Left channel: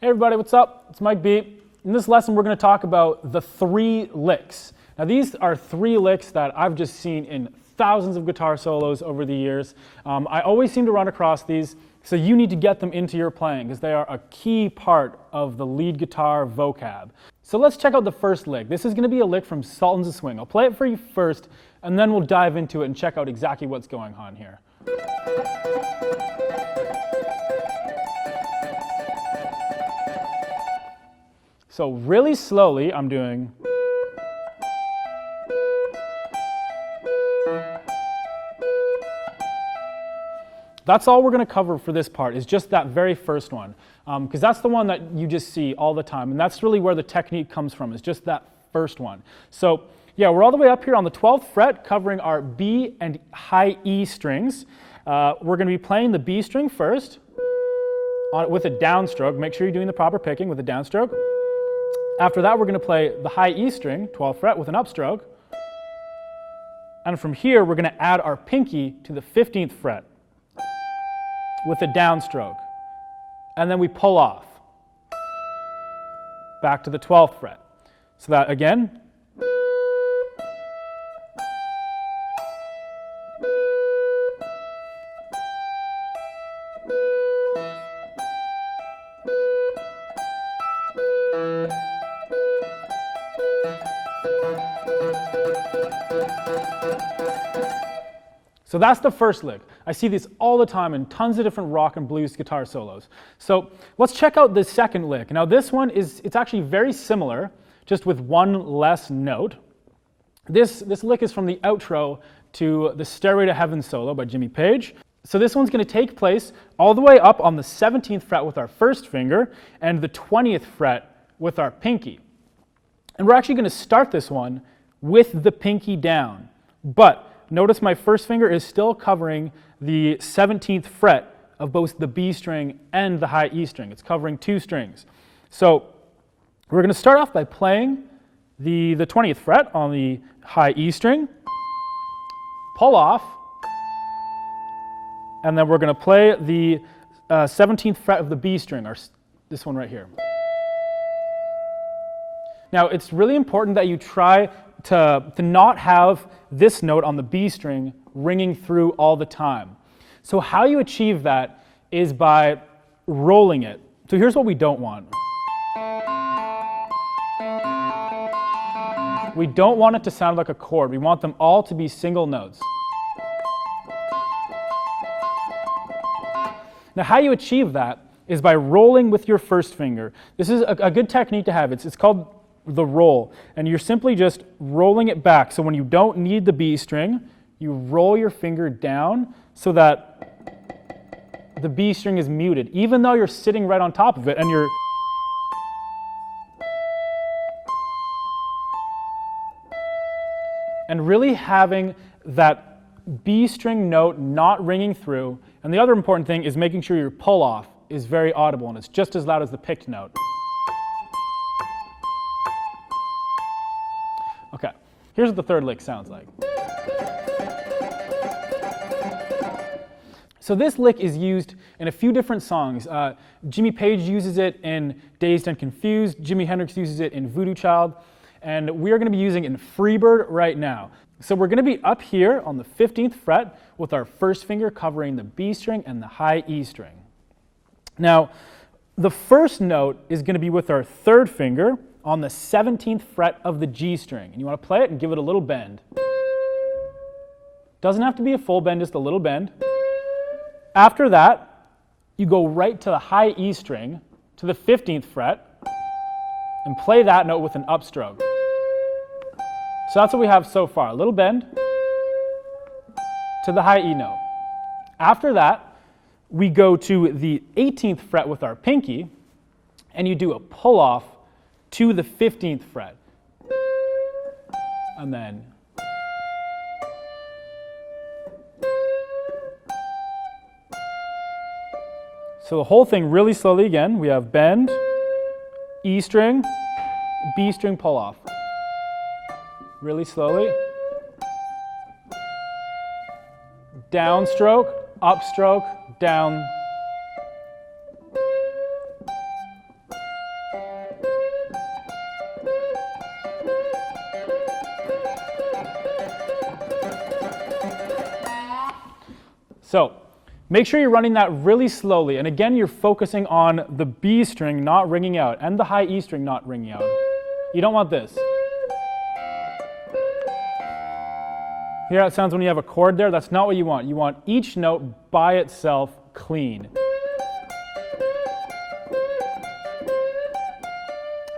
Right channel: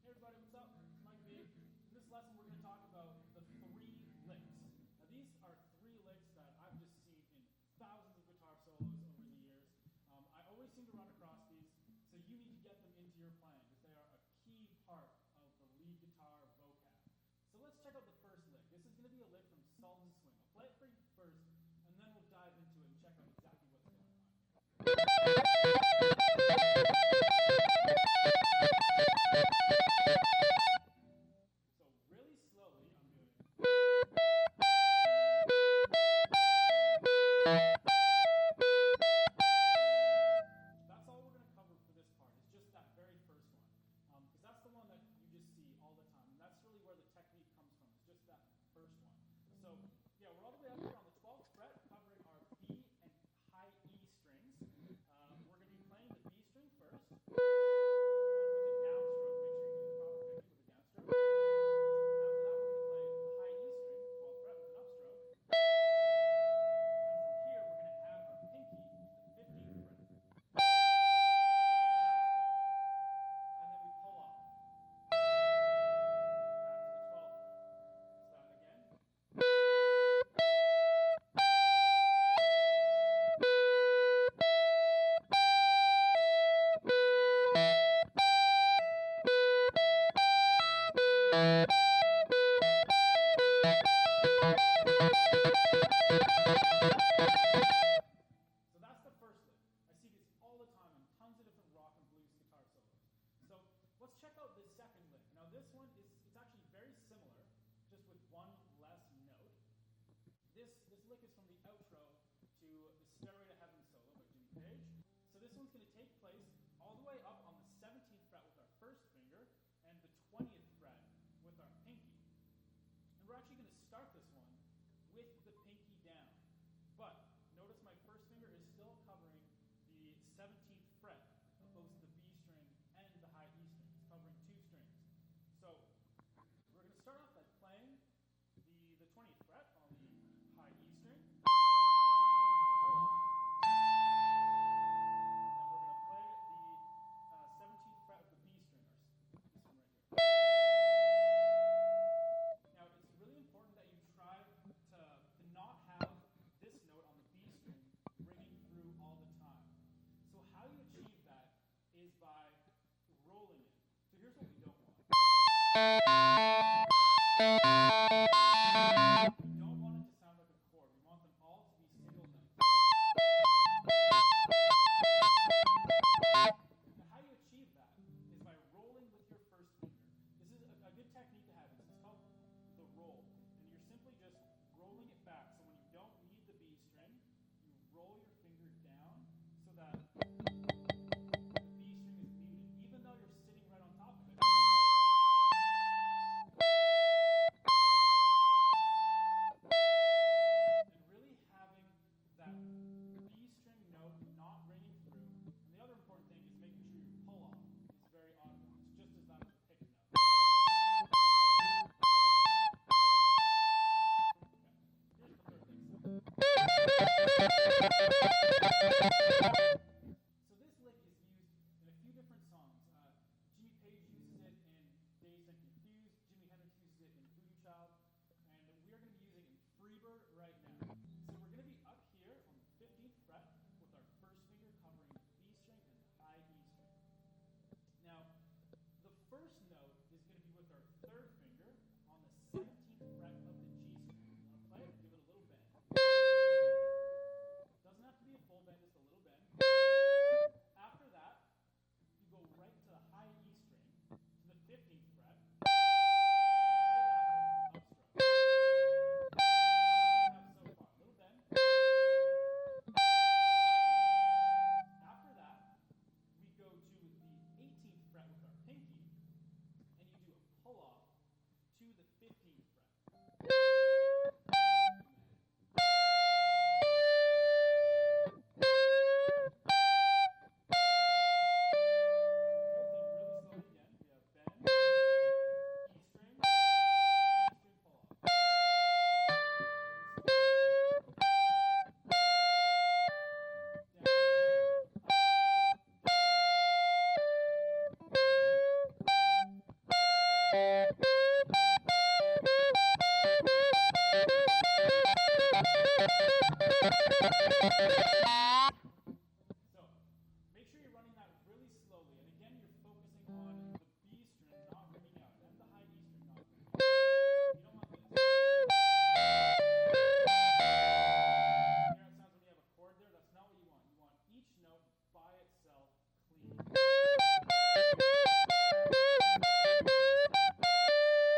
Hey everybody, what's up? It's Mike B. In this lesson, we're going to talk about the 3 licks. Now these are 3 licks that I've just seen in thousands of guitar solos over the years. I always seem to run across these, so you need to get them into your playing because they are a key part of the lead guitar vocab. So let's check out the first lick. This is going to be a lick from Sultans of Swing. I'll play it for you first, and then we'll dive into it and check out exactly what's going on here. So really slowly, I'm doing. That's all we're going to cover for this part, is just that very first one, because that's the one that you just see all the time, and that's really where the technique comes from, is just that first one. So yeah, we're all the way up here on the 12th fret, covering our B and high E strings. We're going to be playing the B string first with a downstroke. Make sure you're doing the proper picking with a downstroke. After that, we're going to play the high E string, 12th fret, with an upstroke. And from here, we're going to add our pinky to the 15th fret with a downstroke. And then we pull off back to the 12th fret. So that, again, so that's the first lick. I see this all the time in tons of different rock and blues guitar solos. So let's check out the second lick. Now this one it's actually very similar, just with one less note. This lick is from the outro to the Stairway to Heaven solo by Jimmy Page. So this one's going to take place all the way up on the 17th fret with our first finger and the 20th fret with our pinky. And we're actually going to start this one with the pinky down. But notice my first finger is still covering the 17th fret of both the B string and the high E string. It's covering 2 strings. So we're going to start off by playing the 20th fret on the high E string, pull off, and then we're going to play the 17th fret of the B string, this one right here. Now it's really important that you try to not have this note on the B string ringing through all the time. So how you achieve that is by rolling it. So here's what we don't want. We don't want it to sound like a chord. We want them all to be single notes. Now how you achieve that is by rolling with your first finger. This is a good technique to have. It's called the roll, and you're simply just rolling it back. So when you don't need the B string, you roll your finger down so that the B string is muted, even though you're sitting right on top of it and you're really having that B string note not ringing through. And the other important thing is making sure your pull off is very audible and it's just as loud as the picked note. Okay, here's what the third lick sounds like. So this lick is used in a few different songs. Jimmy Page uses it in Dazed and Confused, Jimi Hendrix uses it in Voodoo Child, and we are going to be using it in Freebird right now. So we're going to be up here on the 15th fret with our first finger covering the B string and the high E string. Now, the first note is going to be with our third finger on the 17th fret of the G string. And you want to play it and give it a little bend. Doesn't have to be a full bend, just a little bend. After that, you go right to the high E string, to the 15th fret, and play that note with an upstroke. So that's what we have so far. A little bend to the high E note. After that, we go to the 18th fret with our pinky, and you do a pull off to the 15th fret. And then so the whole thing really slowly again. We have bend, E string, B string pull off. Really slowly. Downstroke, upstroke, down. So make sure you're running that really slowly. And again, you're focusing on the B string not ringing out and the high E string not ringing out. You don't want this. Hear how it sounds when you have a chord there? That's not what you want. You want each note by itself clean.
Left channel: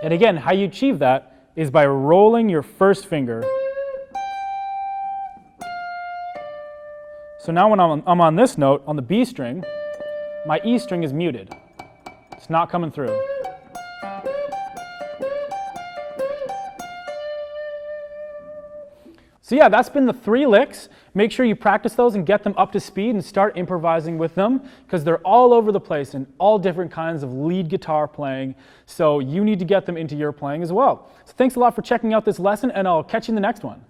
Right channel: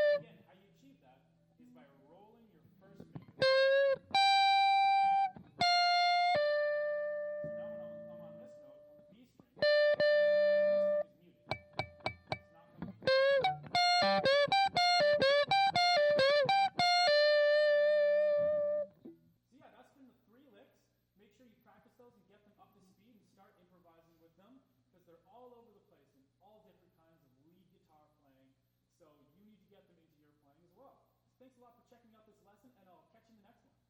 And again, how you achieve that is by rolling your first finger. So now when I'm on this note, on the B string, my E string is muted. It's not coming through. So yeah, that's been the 3 licks. Make sure you practice those and get them up to speed and start improvising with them, because they're all over the place in all different kinds of lead guitar playing. So you need to get them into your playing as well. So thanks a lot for checking out this lesson, and I'll catch you in the next one.